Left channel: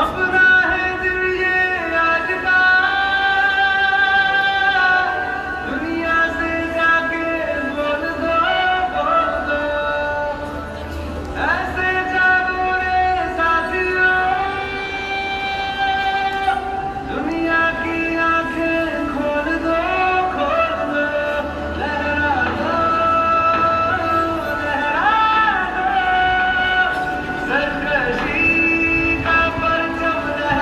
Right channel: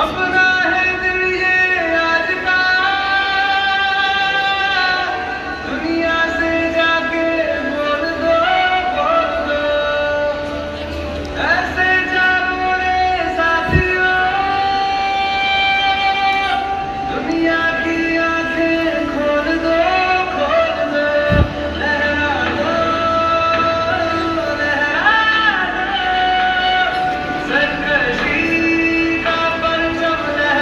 अपना है दिल ये आज का, दुनिया से जाके बोल दो ऐसे जागो रे साथियों, दुनिया की आंखें खोल दो लहरा दो लहरा दो, सरकशी का परचम लहरा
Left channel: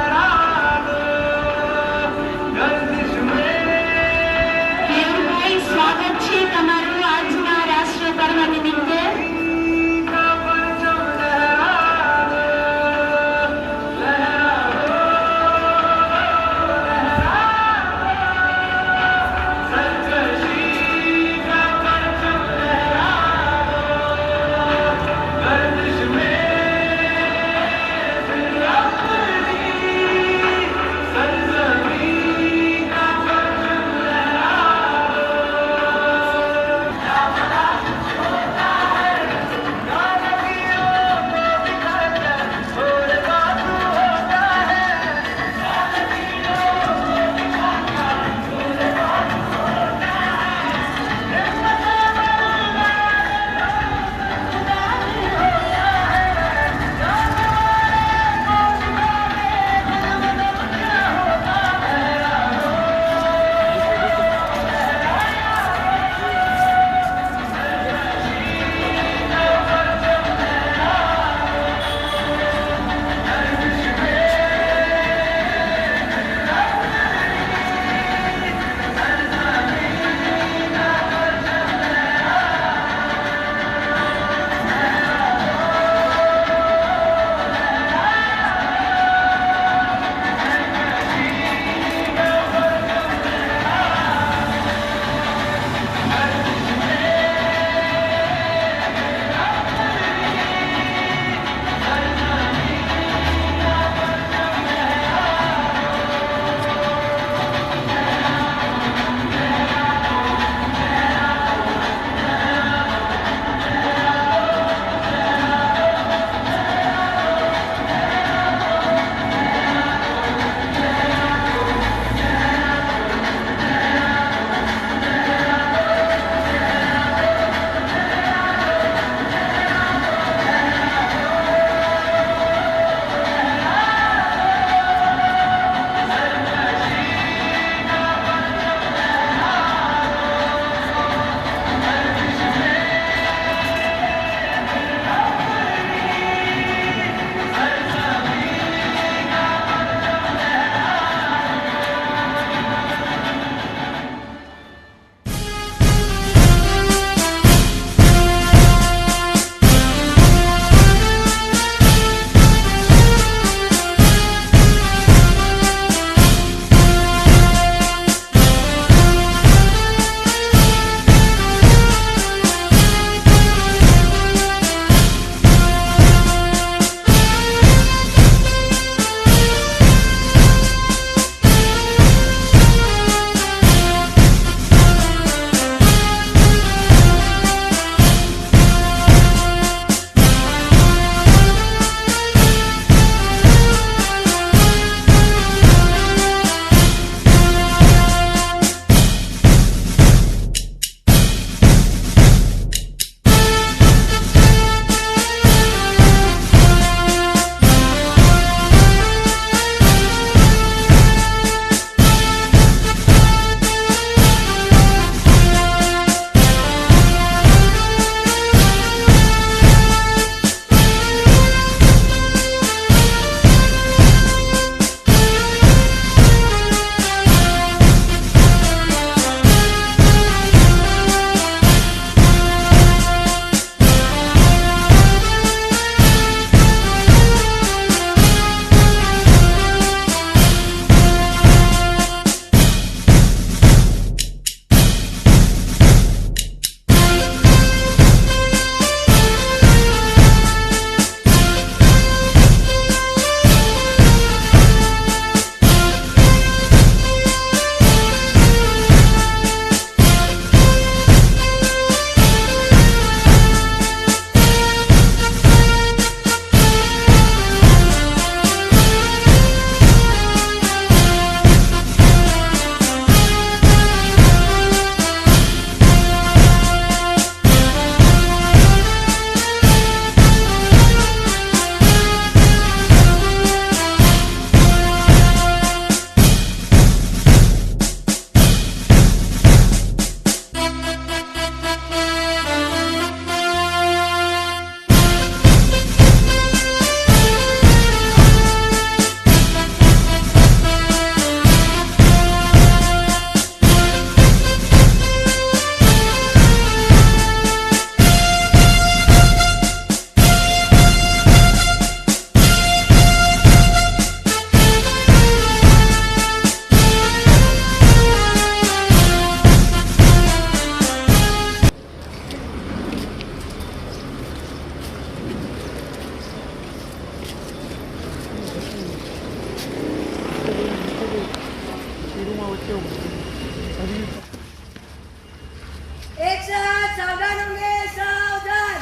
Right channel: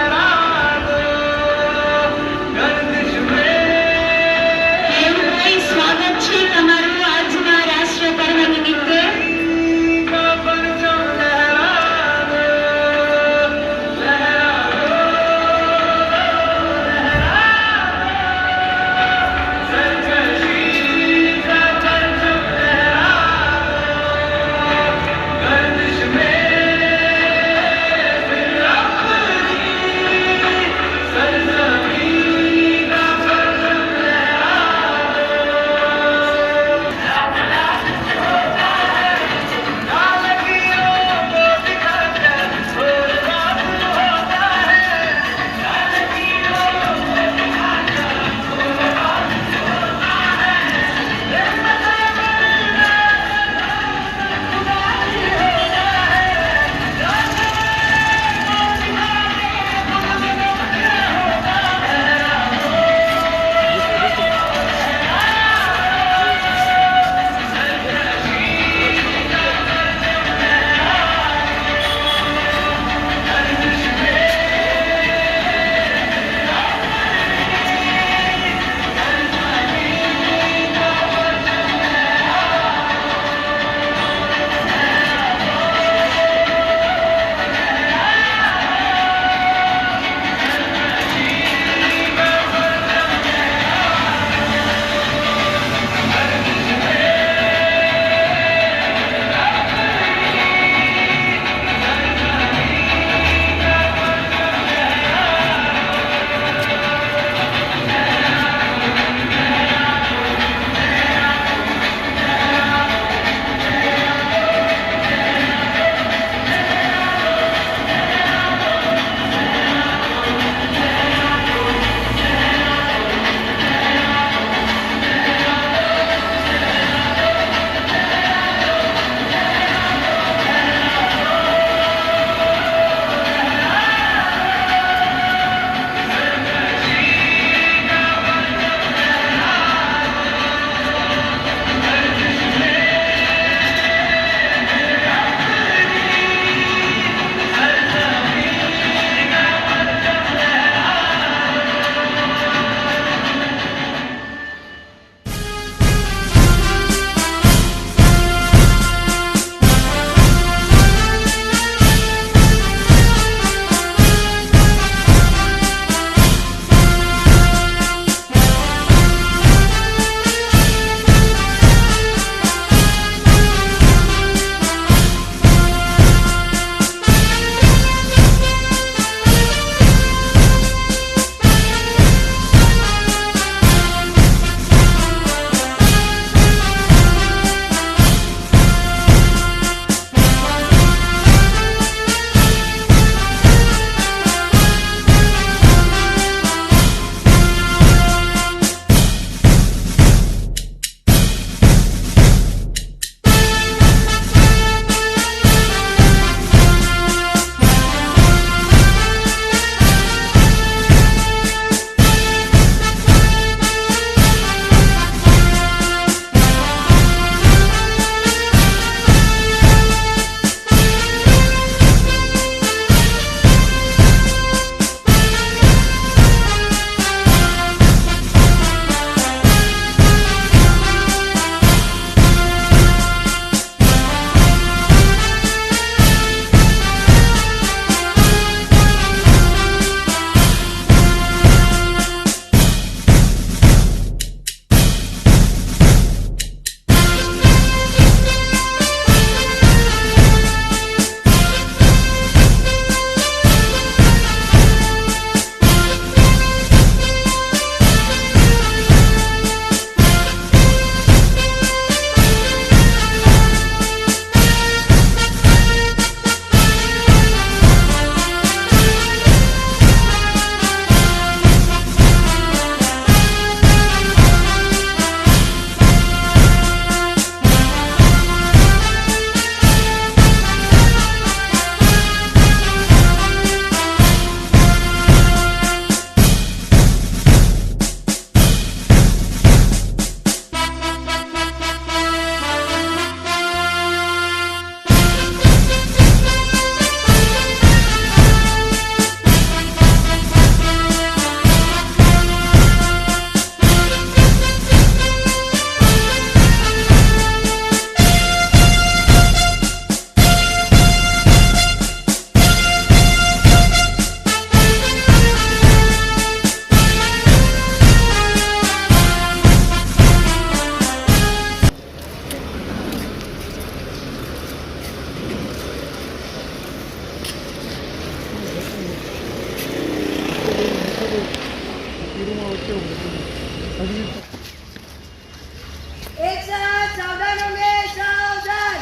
एक साथ सावधान होंगे, सावधान।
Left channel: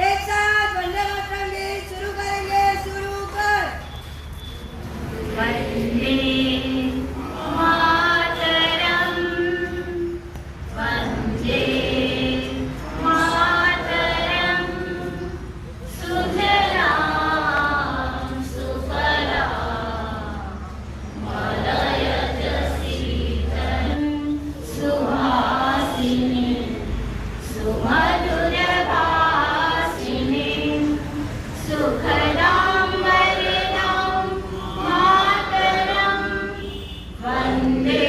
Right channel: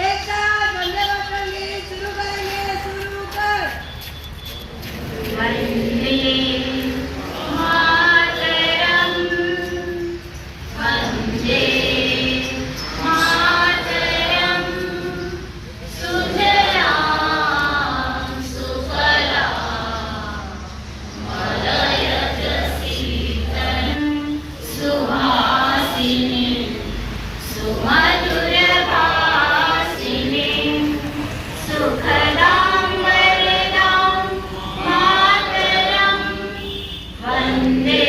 एक साथ वंदे मातरम गीत शुरू करेंगे, शुरू कर। वंदे मातरम, वंदे मातरम, सुजलां सुफलां मलयज शीतलं सुहासिनीं सुमधुरभाषिणीं सुखदां वरदां मातरं वन्दे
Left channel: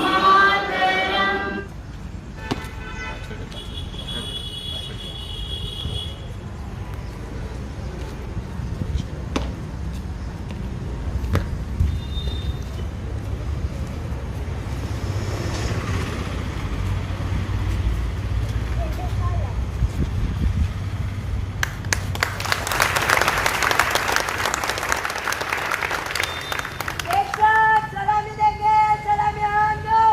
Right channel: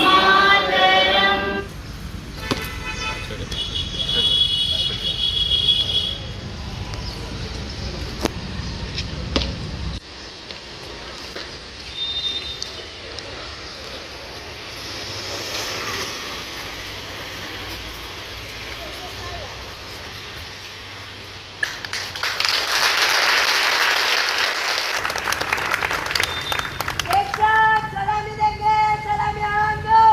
मातरम्। एक साथ सलामी देंगे, सलामी आवाज दो।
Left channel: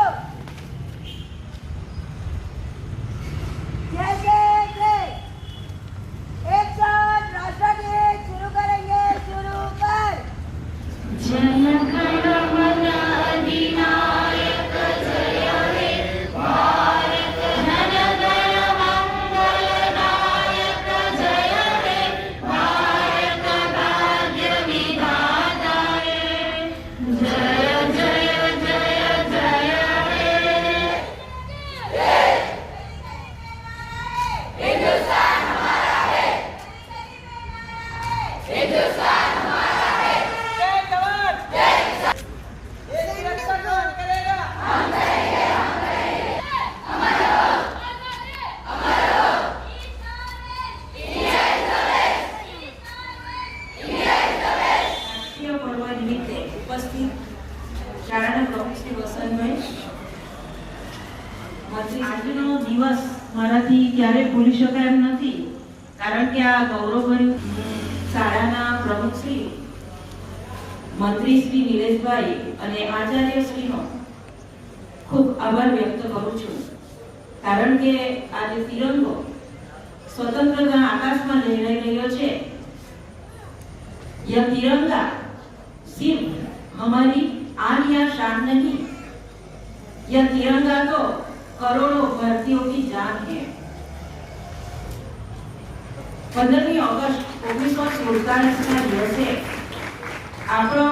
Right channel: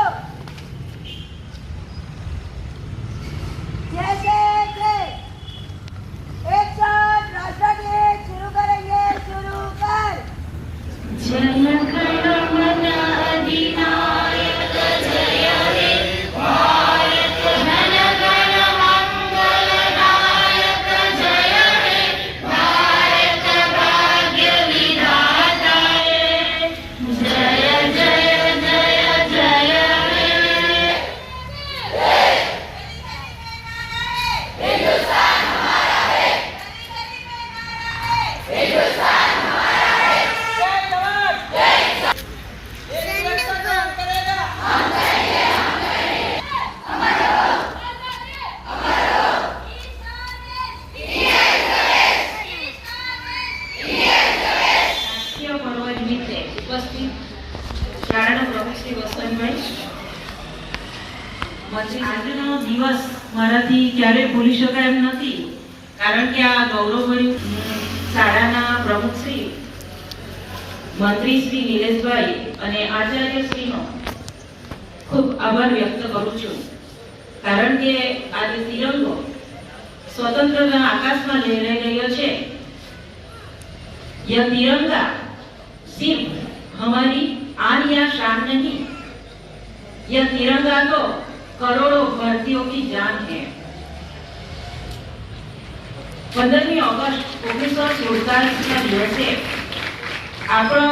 जैसे थे। एक साथ राष्ट्रगीत शुरू करेंगे, शुरू कर। जय गण अधिनायक जय हे भारत, जन गण मंगलदायक जय हे भारत, भाग्य विधाता जय जय जय जय हे। हिंदुस्तान हमारा है, हिंदुस्तान हमारा है। રાષ્ટ્રીય પર્વ નિમિત્તે ઉપસ્થિત શાળાના પ્રમુખ શ્રી વસંતભાઈ, આજનો દિવસ મારાથી ક્યારે ભૂલી શકાય એમ નથી, કારણ કે આ ગૌરવભર્યું શાળાના પ્રમુખ શ્રી, મંત્રી શ્રી નિલેશભાઈ અને આચાર્ય શ્રીનો ખૂબ આભાર વ્યક્ત કરું છું, કારણ કે આજે તિરંગો स्वतंत्रता आकाशમાં લહેરાઈ રહ્યો છે। यह तिरंगा सिर्फ हमारी आन या शान नहीं, यह तिरंगा तो करोड़ों भारतीयों की जान है। 15મી ઓગસ્ટ 1947 ના દિવસે આપણો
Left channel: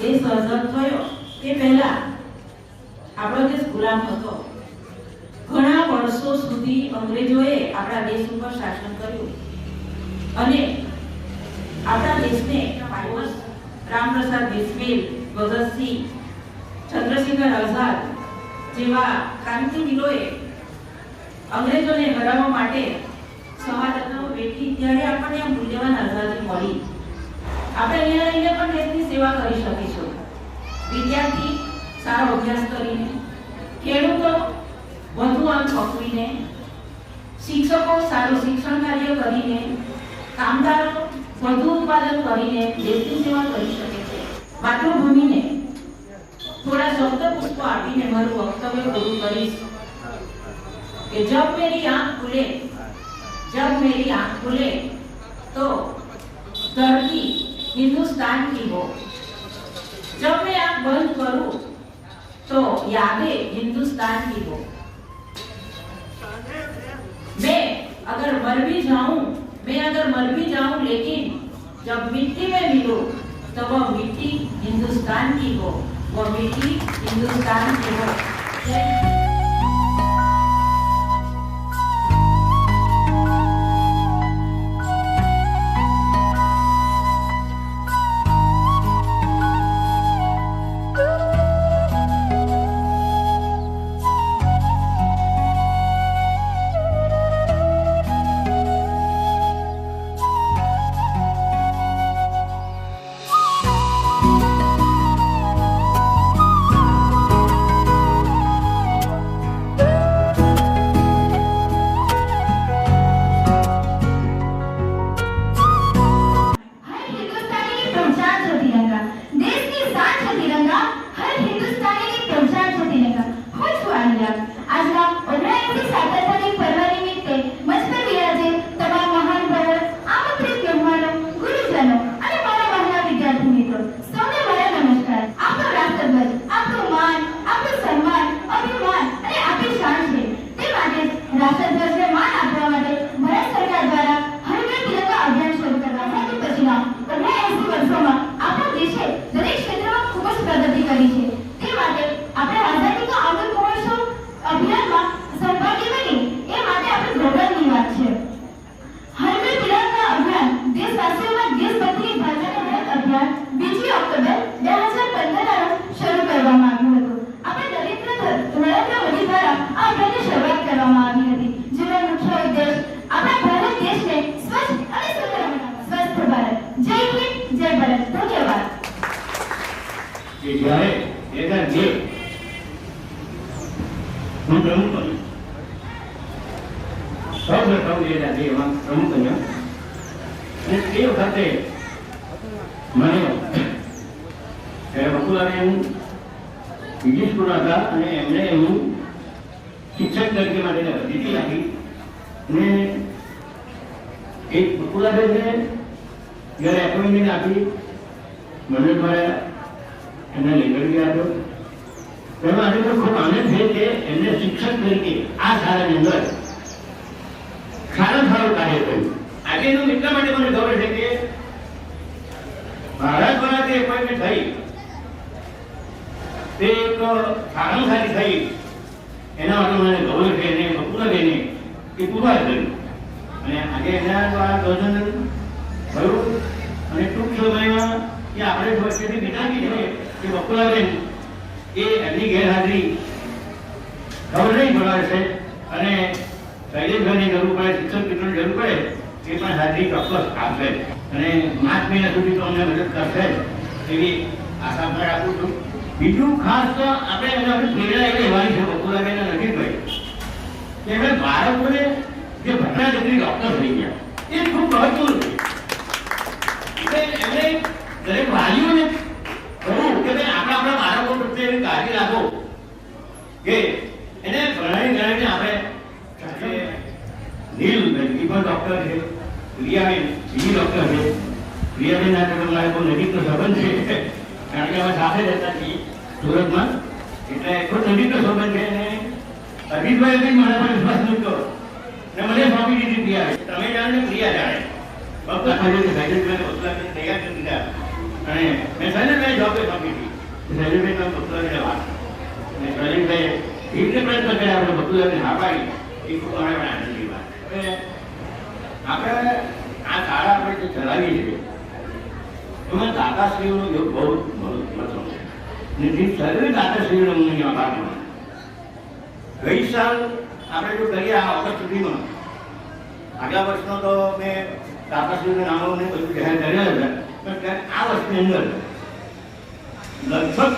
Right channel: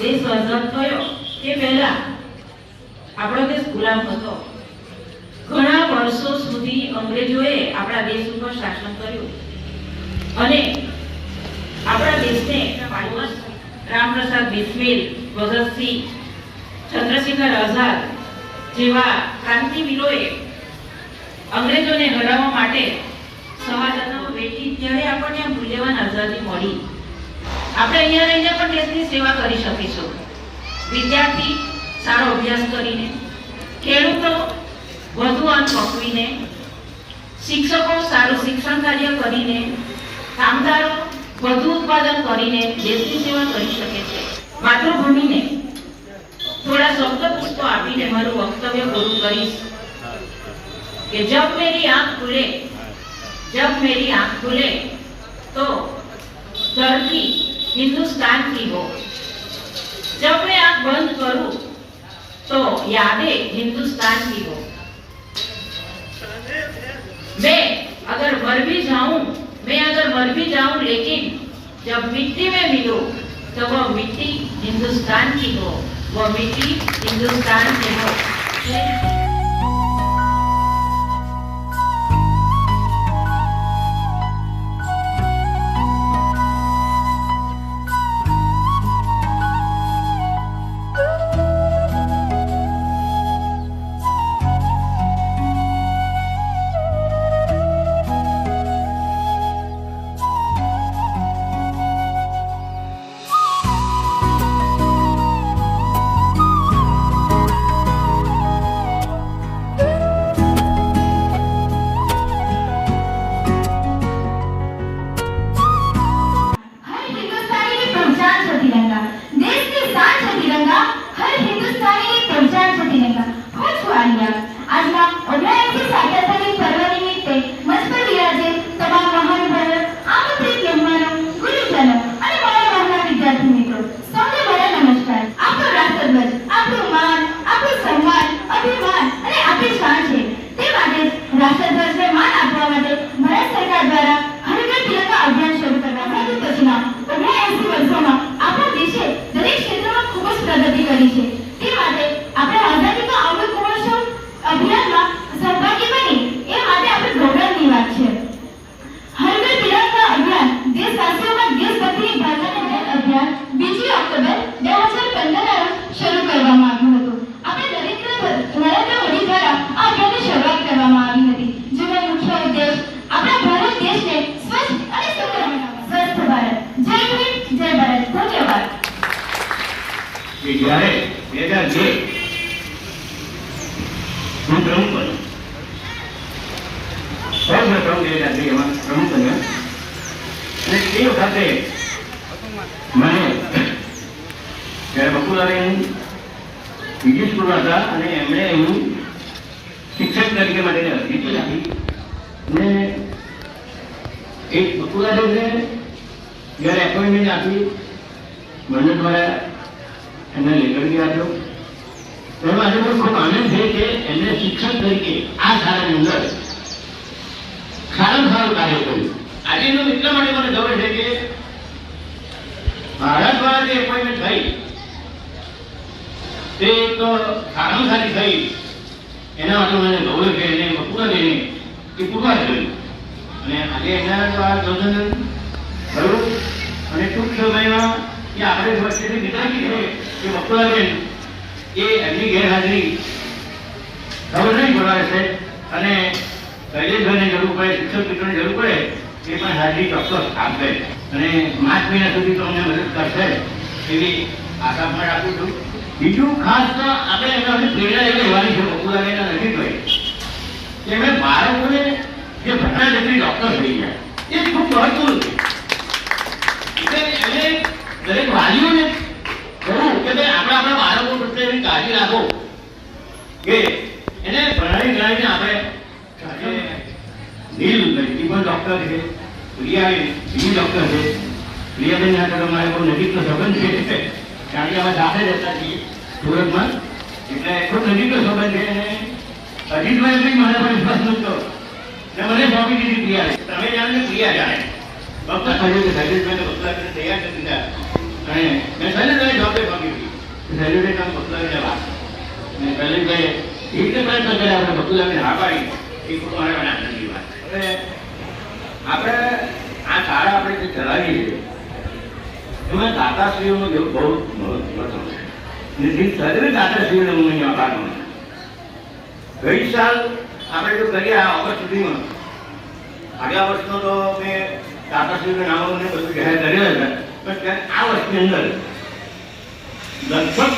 દેશ આઝાદ થયો તે પહેલા આપણો દેશ ગુલામ હતો। ઘણા વર્ષો સુધી અંગ્રેજોએ આપણા દેશ ઉપર શાસન કર્યું અને આપણા દેશને રામપ્રસાદ બિસ્મિલ, ભગતસિંહ, ચંદ્રશેખર આઝાદ જેવા ક્રાંતિવીરોએ અંગ્રેજોને હરાવવા માટે શહાદતો વેઠી, ત્યારે આપણને આ મૂલ્યવાન આઝાદી મળી। આપણે અહીંયા રહીને પણ દેશની સેવા કરી શકીશું। વિદ્યાર્થી સારો અભ્યાસ કરીને, ખેડૂતો વધુ અન્ન પકવીને, શિક્ષકો સારું શિક્ષણ કાર્ય કરીને, કામદારો વધુ ઉત્પાદન કરીને દેશની સેવા કરી શકે છે। માતૃભૂમિને થોડા શબ્દ પુષ્પો આપીને મારું વક્તવ્ય પૂરું કરીશ કે જબ મેરી આંખ खुले तो धरती हिंदुस्तान की हो, जब मैं आंख बंद करूं तो यादें हिंदुस्तान की हो। मैं अगर मर भी जाऊं लेकिन जब मिट्टी में मिलूं तो वह मिट्टी हिंदुस्तान की हो, वह मिट्टी हिंदुस्तान की हो। જય હિન્દ, જય ભારત. ધન્યવાદ. કે જ્યારે 2002 હું પ્રમુખ બન્યો, સૌપ્રથમ 2002 એમાં પ્રમુખ બન્યો અને એ વખતે મને જ્યારે બકુલાબેન બીજી સ્કૂલ હતા અને એમણે એવું શિક્ષક તરીકે માટેની અરજી આપી અને એક બકુલાબેનને જ્યારે એપોઇન્ટમેન્ટ આપી મંડળ દ્વારા એમને લેટર બી આપ્યો. એમાં આજે મને ખૂબ આનંદ છે કે એમને શિક્ષક તરીકે આ શાળાની અંદર સારું કાર્ય કર્યું. આજે એનું એટલા માટે મને ખબર છે કે ભારત દ્વારા જે એપોઇન્ટમેન્ટ થઈ તે તો સારામાં સારી થઈ, એના માટે મને ગૌરવ છે અને બકુલાબેને એ પુરવાર કર્યું અને આજે એના દ્વારા ગૌરવ થયું અને ટૂંક સમયમાં કે આપણે વચ્ચેથી વિચારીએ છે કે બકુલાબેન એ એમની ગેરહાજરી ખબર નહીં પડાવે છે અને શૈલેષભાઈની જરૂર પડે, શિક્ષક મિત્રોની જરૂર પડે એ પણ હાજરી ચોક્કસ આપશે અને માર્ચ મહિના સુધી તો અમને મદદ કરશે એવી આશા પણ રાખું છું. બીજું ખાસ તો આપણે એમાં પ્રેરણા એ કહેવાની છે બકુલાબેનના નજીકભાઈ કે એમણે બાળકોને જે ભણવા જેટલી ડૉક્ટર થઈ ગયા એ ખૂબ મહત્વનું છે. એને દરેક વાલીઓને કહું કે ભાઈ આપણા બાળકો પ્રત્યેની કાળજી રાખો કે એને ભણાવીને આપણે સાથે નીલ પણ ડૉક્ટર છે, પ્રિયાબેન બીજી ડૉક્ટર છે. પ્રિયાબેન સાથે તમારે બહુ નજીકનો સંબંધ છે કારણ કે અમે સાથે રહેતા છીએ સુરતમાં, એટલે ખૂબ નજીકનો સંબંધ છે અને અજીતભાઈ બી મને પણ વિશ્વાસ નહોતો ને મને સોંપી દીધી પ્રિયા. તમે જાણે ને પ્રિયા જાણે ફક્ત શૈલેષભાઈને બકુલાબેનને તૈયાર કરી દીધા અને મેં શૈલેષભાઈને જવાબદારી સોંપી હતી. શૈલેષભાઈ બકુલાબેનને વાત અને શૈલેષભાઈએ એ રીતે પ્રયત્ન કર્યા આપણે બકુલાબેન હા પાડી એ ખૂબ મારા આનંદની વાત. હવે આપણે આ શાળા આપણે જે ચલાવીએ છીએ એમાં દાતાશ્રીઓનો બહુ મહત્વ છે અને જે સર્વે દાતાશ્રીઓને મને આભાર માનું. ગઈ સાલ આપણે જો કરીએ આ ઓગસ્ટ સુધીમાં આગલા વર્ષનો તો મેં દાતાશ્રીઓના નામોને બધું જાહેર કરેલા હતા પણ આ વર્ષની અંદર લગભગ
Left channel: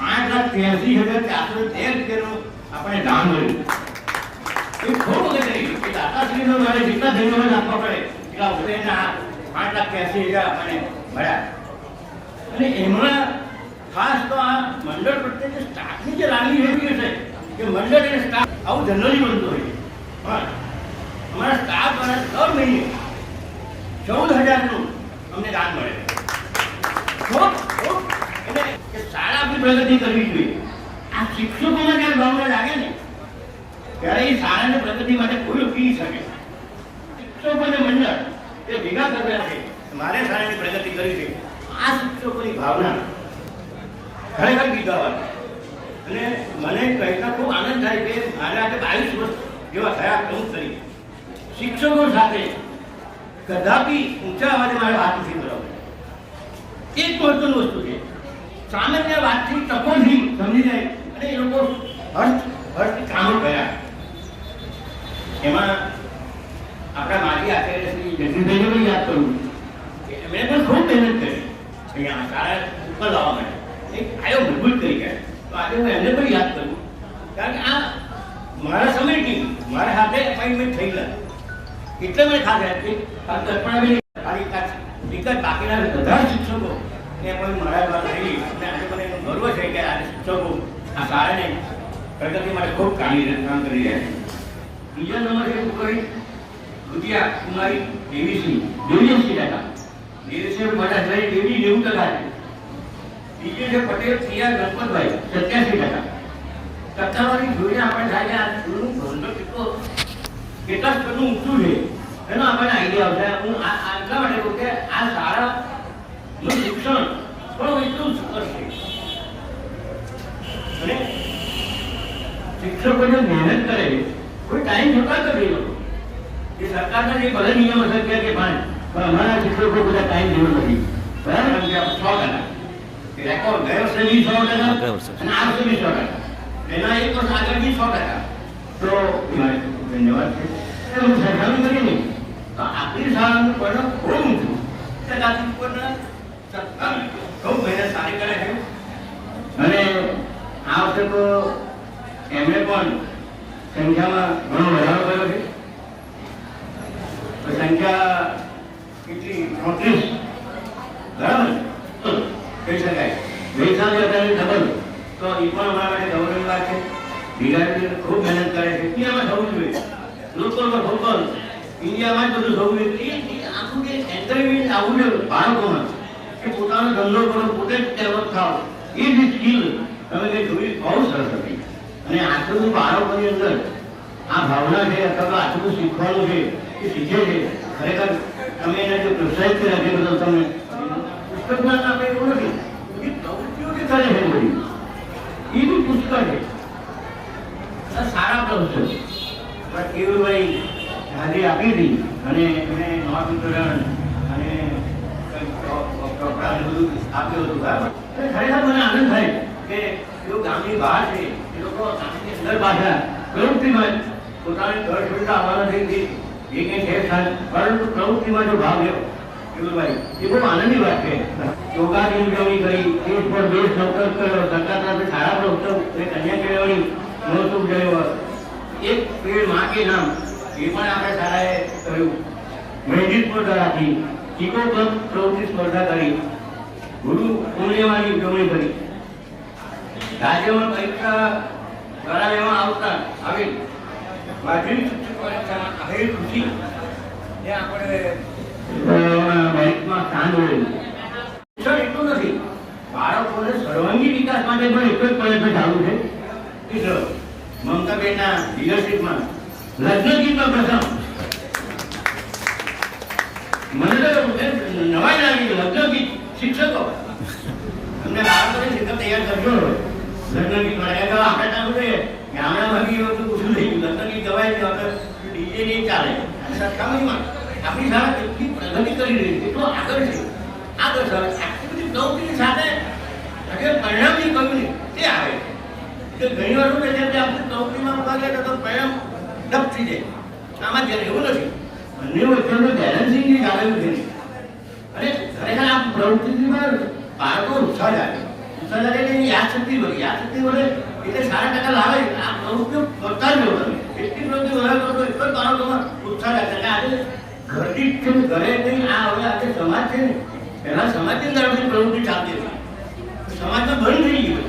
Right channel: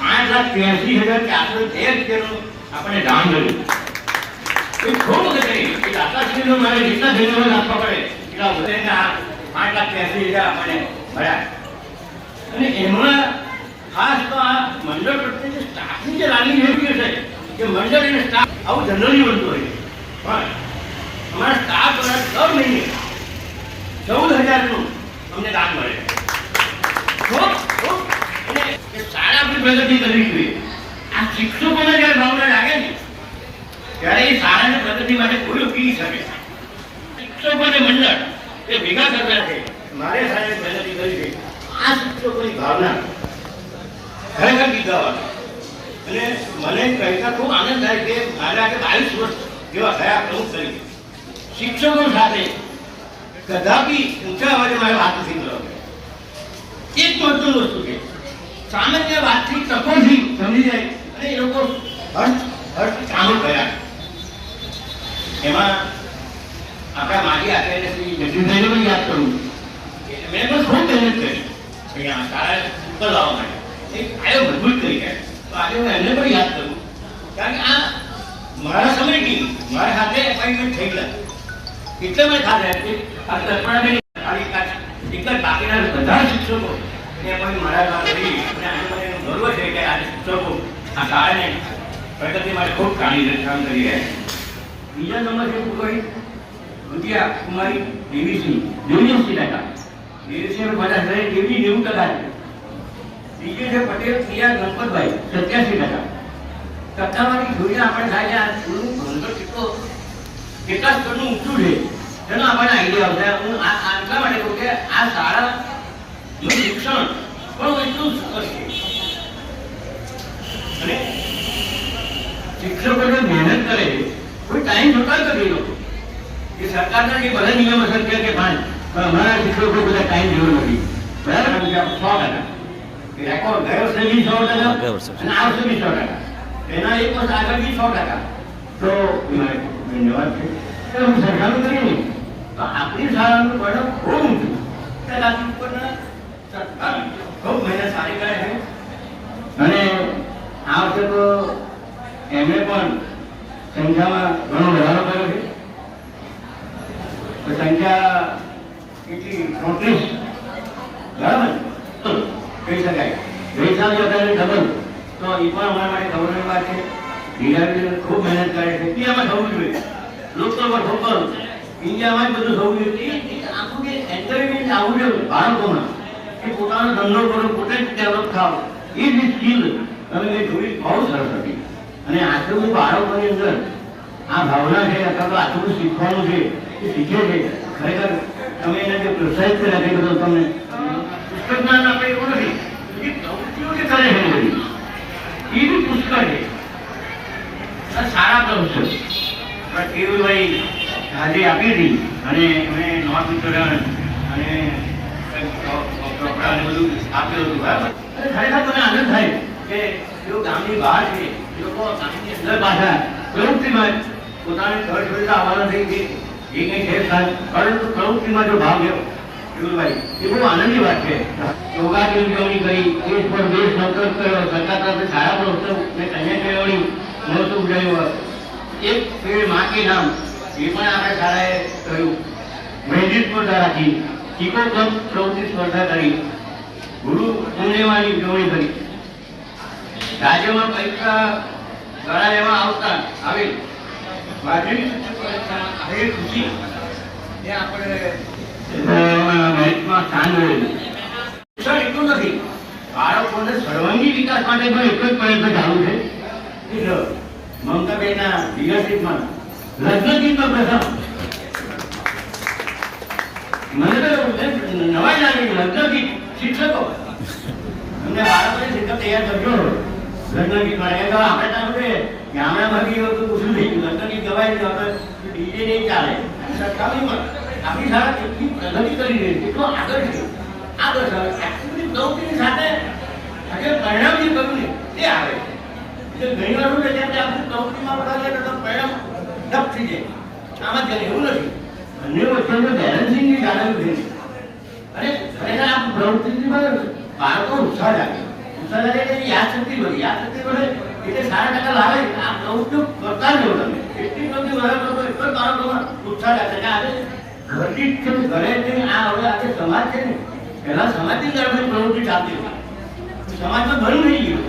5,83,413 આપણને દાન મળ્યું. એ ખૂબ અગત્યની કે દાતાશ્રીનો મારે જેટલા ધન્યવાદ આપવા પડે એટલા વધારે 5,83,000 આપણને મળ્યા અને એમાં ખાસ તો આ મંડળ પ્રત્યે જે સ્ટાફની જે લાગણી એવી છે કે મંડળ અને સ્ટાફ આવું જનરલી બનતું હોય પણ અમારા સ્ટાફ દ્વારા દર મહિને 14,000નું અમને દાન મળે. અને શાળા આપણી પ્રગતિ કરવી જોઈએ. આ શિક્ષકોને જ્યારે ભાવના લાગે ને ત્યારે એ શાળાની પ્રગતિ માટે કોઈ ઉકેલી શકે. શિક્ષકોને મંડળ એ ભેગા કરતા છે મારે શાળાની પ્રગતિ કરવી છે. આ શિક્ષકોની ભાવના ખરેખર ગીતાવાળી અને મને કહેતા ખૂબ આનંદ થાય કે મારે આજે 22 વર્ષ જેવા થયા પ્રમુખ તરીકે શિક્ષકો સાથે કદાપી ઊંચા અવાજે મારે વાત નથી કરવાની. એક મહત્વની વસ્તુ છે સામાન્ય વાતથી તકોથી સમજી જાય અને એ લોકો હર્ષ કામ કર્યા. એમાં આપણા માજી આચાર્ય શ્રી જગદીશભાઈને પણ યાદ કરું કે એમણે પણ ખૂબ મહેનત કરી અહીંયા સારા ઉપર લાવવા માટે એક આયો મજબૂત કરી ગયા. તો આજે હું એમને પણ યાદ કરું કારણ કે આ મારા સમયથી મારા હાથે એપોઇન્ટમેન્ટ થઈ ગયા એટલે મને ખાસ કલ્પનાબેન એક જ બાકીના બધા શિક્ષકો એ પણ મારા દ્વારા થઈ અને આજે મને એનો ગર્વ છે કે આજે શિક્ષકો આ શાળાને પ્રગતિ માટે ખૂબ કામ કરી રહ્યા છે. બીજા નંબર છે કુકરી દુધિયા કુમારી દેવીસિંહ 89%, દેવીસિંહ 50%, દેવી 90%. બીજે છે પટેલ પ્રિયા ગણપતભાઈ 87%. ટકાવારી જોઈએ આપણે થાય આ સ્કૂલનું ભણતર કેટલા સ્તરનું ઊંચું છે એનો આપણને આઈડિયા આવશે. હું આટલા માટે કહું કે આ શાળાનું શિક્ષણ પણ એટલું સુંદર છે અને શિક્ષકો જે મહેનત કરે કોઈ ટાઈમ નહોતા કરી લોકો એ સરકારના જે બધા નિયમ અસર છે કે પણ અમારા શિક્ષકો બધા ટાઈમ જેવો નથી બરાબર. 100% રેકોર્ડ ગયો વર્ષે બી 100% અને આ વર્ષે બી 100%. એના એક વર્ષ આગળ બી 100%. તો મારે ધન્યવાદ છે. હું સરખામણી કરીએ ને તો આપણી શાળાનું પરિણામ ખૂબ ઊંચું ટકાથી ઉપરના ખૂબ મહેનત સારી કરે છે. અને આ વખતે તો એમણે પણ સંખ્યામાં ઘણો વધારો કર્યો છે. સંખ્યા કેટલી 34 બરાબર કહી શકાય. ગઈ સાલે અત્યારે ડબલ, તો એ પણ અમારા માટે ગૌરવની વાત છે. દિગાડી ખૂબ મહેનત કરે છે. ઇન્ડિયામાં થવું જોઈએ, લોકલ પર લોકલ ઇન્ડિયામાં જ બધું થવું જોઈએ. આખું કે એન્કરેજમેન્ટ આવવું જોઈએ બાળકોમાં કે પોતાનો ધંધો કરો, પોતે જ ડેવલપ થાવ. એ જ સ્કિલ તમે કંઈ જોઈ બહુ સરસ હતી. અને આટલું બધું બાળકોની અંદર આ ભાવના છે, અથવા તો આટલું બધું શીખવાનું છે, એ શીખે છે. ખરેખર તમે એને જે પ્રોત્સાહિત કર્યા છે બધું તમને પુસ્તકમાં આપણે એવું નથી, એ પ્રવૃત્તિઓ જે કરે છે બધી એ બી પુષ્કળ છે. સારા પ્રવૃત્તિઓ પણ કેવુભાઈ હાજરી આપી હતી અને એમણે નોટ વિતરણ અને કપડાં બધું આપ્યું હતું. બરાબર. ખરેખર મને આનંદ થાય કે તેઓ ગામની બહાર છે, એ લોકો ગામની અંદર પાછા પ્રવૃત્તિમાં પોતાની ઘર છોડીને આવવાના થઈ ગઈ એ કંઈ છે સ્થાન, પરંતુ પ્રવૃત્તિમાં જો ભાગ લેવો કેવુભાઈ એ બહુ આનંદની વાત છે. યોગાની ઉજવણી કરી, દેશ પર દેશ સંકલ્પ કર્યો, સરકાર તરફથી સારા પ્રવૃત્તિઓ અને કન્યા કેળવણી મહોત્સવ ઉજવ્યો. એક પેડ માં કે નામ એ પણ આપણે શાળાએ કર્યું. મહેંદી સ્પર્ધા રાખી, ચીકો ક્લબ પ્રવૃત્તિ સ્પર્ધા કરી, ગુરુ પૂર્ણિમાની ઉજવણી કરી. રાજ્યમાં પરીક્ષા કરાવવામાં આવતા આવી માધ્યમિક શિક્ષક પરીક્ષામાં આવેલી ખુશી એ આપણે મેરિટમાં સ્થાન મેળવ્યું. શિક્ષણ એટલું નથી, બાળકોને સર્વાંગી વિકાસ માટે પણ એક જ પ્રયત્ન ચાલુ છે. મમતાબેનના લીડરશીપમાં લગ્ન ગીતમાં પ્રથમ મને તો નવાઈ લાગી. લગ્ન ગીત શિક્ષકો અમને બાળકોને શિક્ષક તૈયાર કરજો લગ્ન ગીત આપણે ગામડામાં બી એવું પૂછવું થઈ ગયું. લગ્ન ગીત ગવાય છે, આપણે ડીજે નહીં ચાલે. સરખામણીમાં આપણી શાળા કેટલી પ્રગતિ કરી રહી છે, એટલો આગળ છે. આગળ સર આટલી બધી પ્રવૃત્તિની સાથે આજે પરિણામ જે કહ્યું ને તે આવે છે. ઘણી વાર શું છે, જેમ આપણે પ્રવૃત્તિમાં ભાગ લે તો પરિણામ ડબ થઈ જાય. આમાં જ એવું નથી, બંને વચ્ચેનું બેલેન્સિંગ જે જાળવ્યું છે. અને ખરેખર આ પ્રવૃત્તિમાં બાળકો ઉત્સાહ લાગે એટલે યાદશક્તિ વધે. યાદશક્તિ વધે એટલે 5% લાવે. આ પ્રવૃત્તિઓ કરતા જ રહો તમે. એટલી પ્રવૃત્તિ વધારે કરો તો એટલો જ બાળકોમાં ઉત્સાહ લાગશે કે આજે ઘરથી ઘરે જઈને આ હવે આજે સમાજ છે ને, પહેલા સમાજની અંદર બધી પ્રવૃત્તિ ચાલતી હતી, સમાજમાં બંધ થઈ ગયું.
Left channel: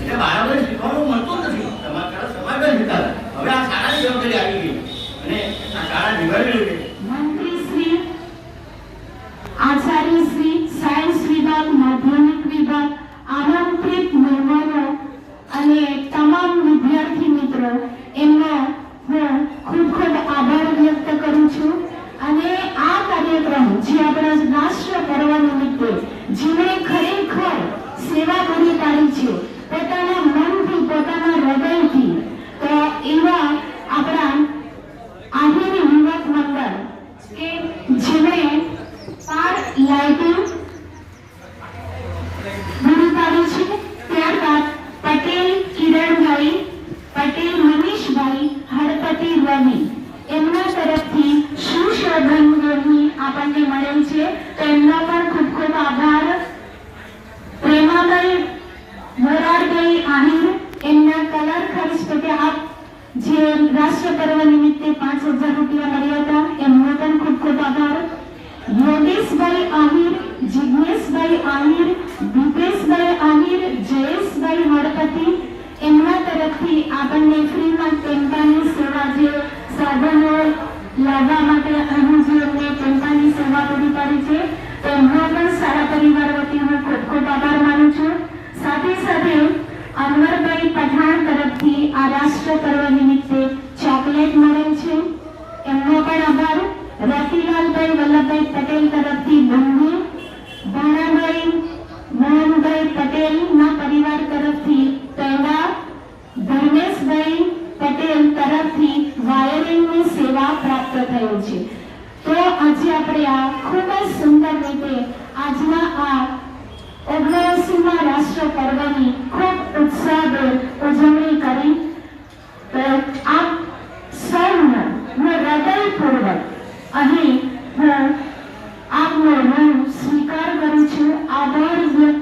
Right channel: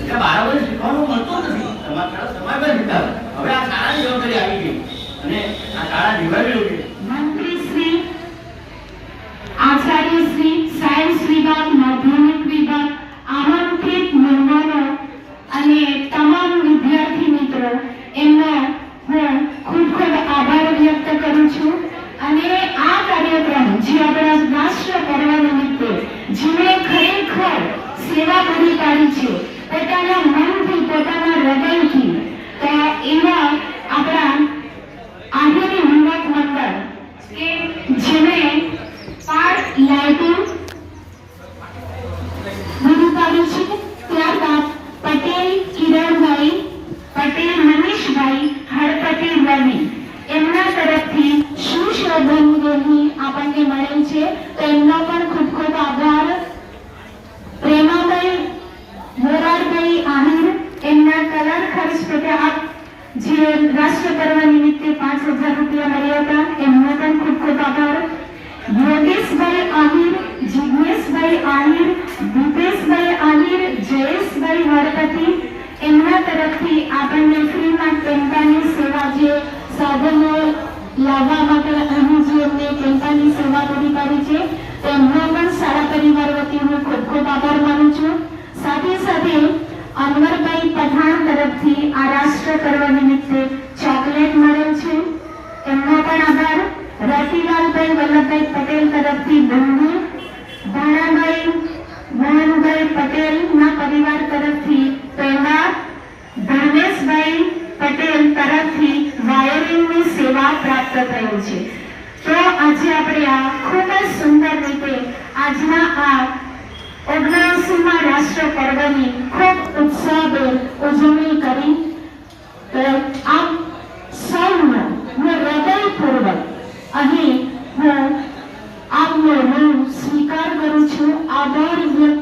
એટલે બાળકોને શીખવાનું મળતું નથી. સમાજમાં શીખાવે. હવે આ શાળાની જવાબદારી આવી ગઈ અને આ શાળા નિભાવી છે. મંત્રી શ્રી, આચાર્ય શ્રી, સાયન્સ વિભાગ, માધ્યમિક વિભાગ, આમંત્રિત મહેમાનો અને તમામ વિદ્યાર્થી મિત્રો એમનો હું ખૂબ ખૂબ આભાર વ્યક્ત કરું છું. અને આ કાર્યક્રમ જે આપણા રાષ્ટ્ર પર્વ નિમિત્તે જેમણે ખરેખર સેવા પૂરી પાડી છે પોતાના મનથી, પોતાના હૃદયથી, તો એવા આપણા આહિર યુવક મંડળ કે જેમણે લાઇટિંગ પૂરી પાડી છે. ત્યારબાદ પટેલ કિરણભાઈ, પટેલ મનીષભાઈ, હળપતિ રવિ એમના તરફથી સુશોભનની આપણને મળેલ છે, તો એમનો પણ ખૂબ ખૂબ આભાર. પ્રેમાભાઈ મોરારભાઈ આહિર એમના કલર ખર્ચ પેટે આપ જે રાષ્ટ્ર પર્વ નિમિત્તે 5000 રૂપિયા મળ્યા હતા, એમનો પણ ખૂબ ખૂબ આભાર. યોગેશભાઈ આહિર, જિજ્ઞેશભાઈ આહિર, દીપેશભાઈ આહિર, જયેશભાઈ હળપતિ એમના તરફથી આપણને ફ્રીમાં ટેમ્પાની સેવા જે સાધનો લાવવા માટે અહીં જે એમને ટેમ્પાની સેવા પૂરી પાડી છે તેમનો પણ શાળા પરિવાર વતી હું ખૂબ ખૂબ આભાર માનું છું. સાથે સાથે અનવરભાઈ પઠાણ તરફથી આ રાષ્ટ્ર પર્વ નિમિત્તે ચોકલેટ મળેલ છે, એમનો પણ આભાર. રતિલાલભાઈ વલ્લભભાઈ પટેલ તરફથી બંધી, ભાણાભાઈ મોહનભાઈ પટેલના પરિવાર તરફથી પહેલા, ધર્મેશભાઈ પટેલ તરફથી વાયરિંગની સેવા પ્રાપ્ત થયેલ છે. તો આજે આપણે આ ખૂબ જ સુંદર રીતે આજના આ 79મા રાષ્ટ્ર પર્વની ખૂબ ઉત્સાહભેર ઉજવણી કરી. તો આપ સૌનો હું હૃદયપૂર્વક અહીં હું આભાર વ્યક્ત